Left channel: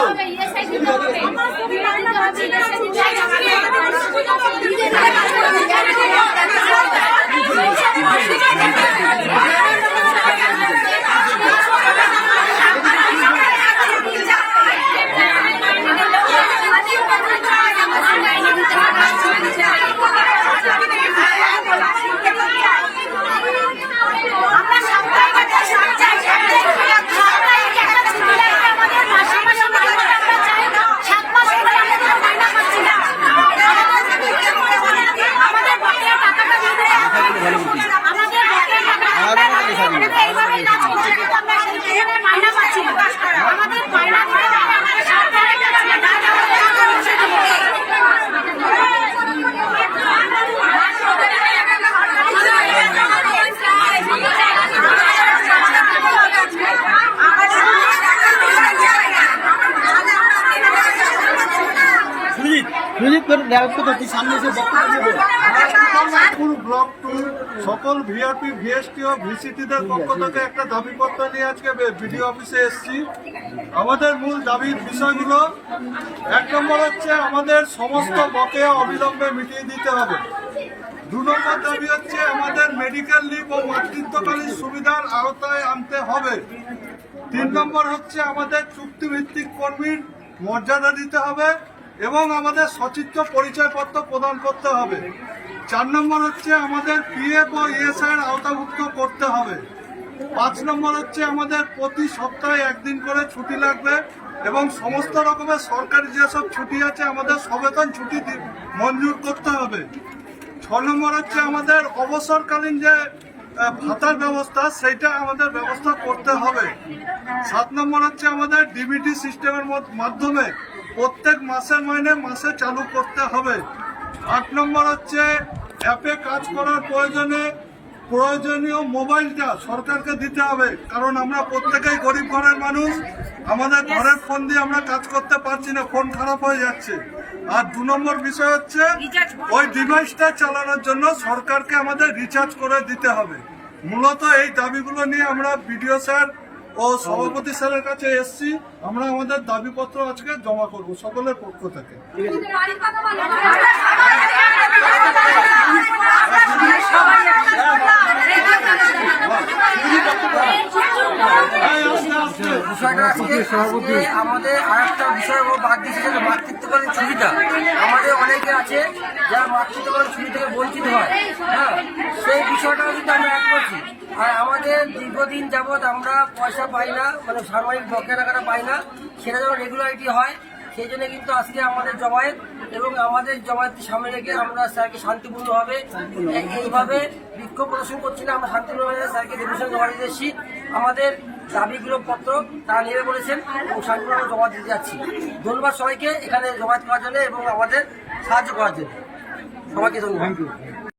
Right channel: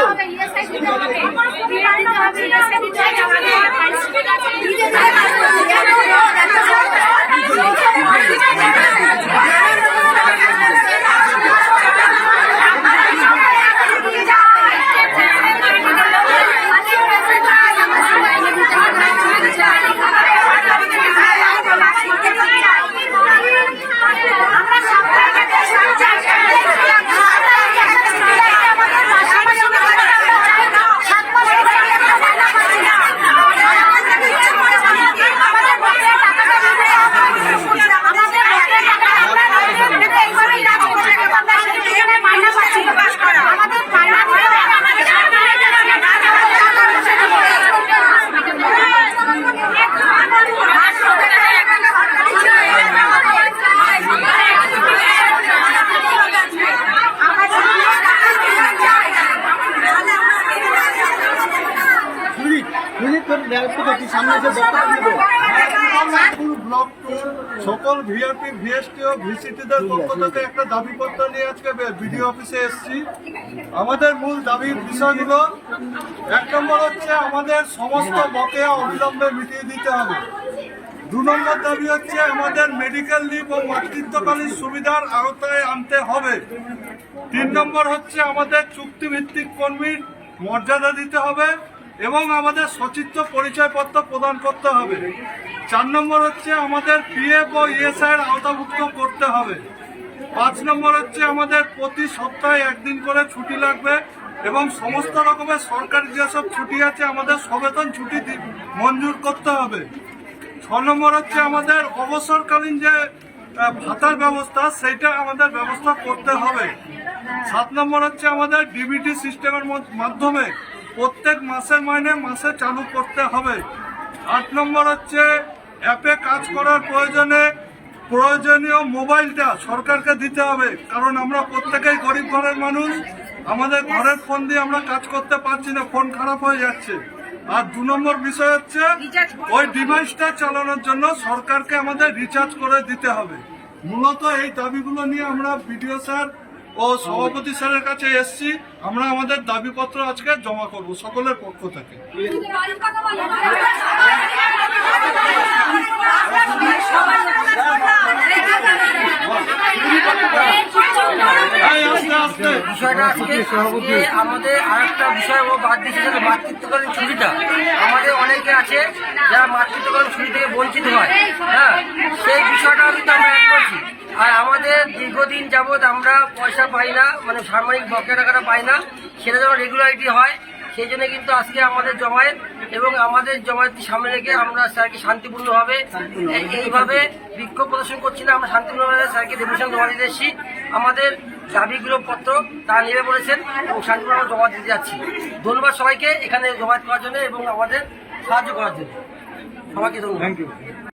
হবে ইএসআই সামনে ব্লক টুর সকল ভিআরপি ভিএসটি ও ভিসিটিদের পক্ষ থেকে একটা দাবিপত্র নিয়ে আজকে বিডিও অফিসে এসেছি। আমাদের মূল দাবির বিষয়গুলো এক নম্বর হচ্ছে আমাদের সমস্ত বকেয়া অবিলম্বে মিটিয়ে দিতে হবে। দু নম্বর দাবি হচ্ছে আমাদের মেডিকেল লিভ ও মাতৃত্বকালীন সুবিধার আওতায় আনতে হবে। তিন নম্বর হচ্ছে আমাদের চুক্তিভিত্তিক কর্মীর মর্যাদা দিতে হবে। এবং আমাদের সচিত্র পরিচয়পত্র প্রদান করতে হবে। চার নম্বর হচ্ছে আমাদের পিএফ ও ইএসআই এর আওতাভুক্ত করতে হবে। পাঁচ নম্বর হচ্ছে আমাদের প্রতি সপ্তাহে একদিন করে ছুটি লাগবে এবং সমস্ত রকমের সরকারি যেসব ছুটি আছে, আমাদের সবেতন ছুটি মঞ্জুর করতে হবে। ছ নম্বর হচ্ছে আমাদের অবসরকালীন যে ভাতার ব্যবস্থা, সেইটা আমাদের ব্যবস্থা করতে হবে। সাত নম্বর হচ্ছে আমাদের ডিবিটি সিস্টেমের মাধ্যমে প্রত্যেক মাসের মাইনে মাসে চালু করতে হবে। আট নম্বর হচ্ছে অ্যাপে কাজ করার প্রয়োজনে প্রয়োজনীয় মোবাইলটা সরকারকে দিতে হবে। কারণ আমরা প্রত্যেকেই গরিব ঘরের মানুষ আমাদের ঘরের ফোন দিয়ে আমরা কাজ করতে পারছি না ফোন খারাপ হয়ে যাচ্ছে। আর দু নম্বর বিষয় হচ্ছে ওই ডিভাইসটা চালানোর জন্য সরকারকে আমাদের রিচার্জ করে দিতে হবে। মূলত এই দাবিগুলো নিয়ে আমরা বিডিও স্যার ও সভাপতি স্যারের কাছে এসছি, আমরা আমাদের দাবিপত্র আজকে জমা করব সকলের পক্ষ থেকে। বিষয়টা আমাদের আরেকটা বিষয় ও বাদ দিয়েছে যে মাতৃত্বকালীন ছুটিটা। আমাদের অনেকে আছে যারা মাতৃত্বকালীন ছুটি থেকে বঞ্চিত হয়। হ্যাঁ সেই বিষয়টাও কিন্তু আমরা এক করছি। আর দীর্ঘদিন যাবৎ আমরা পয়সা পাই না মানে সাময়িক বকেয়া টাকাটা পাই না, সেটা যেন রেগুলারিটি হয়, সেই জন্য কিন্তু আজকে আমাদের জমায়েত এবং আমাদের জমায়েতকে সামনে রেখে আমরা স্যারকে শান্তিপূর্ণভাবে এইভাবে বিক্ষোভ প্রদর্শন করছি না, আমরা শান্তিপূর্ণভাবে স্যারকে ডেপুটেশন জমা দিতে এসেছি আমাদের দাবিগুলো পত্র তারা নেমে পড়েছেন এবং শান্তিপূর্ণ জমা দিতে যাচ্ছি। ধন্যবাদ সবাইকে এখানে জমায়েত করার জন্য এবং আমাদের সাহায্য করার জন্য। সবাইকে ধন্যবাদ।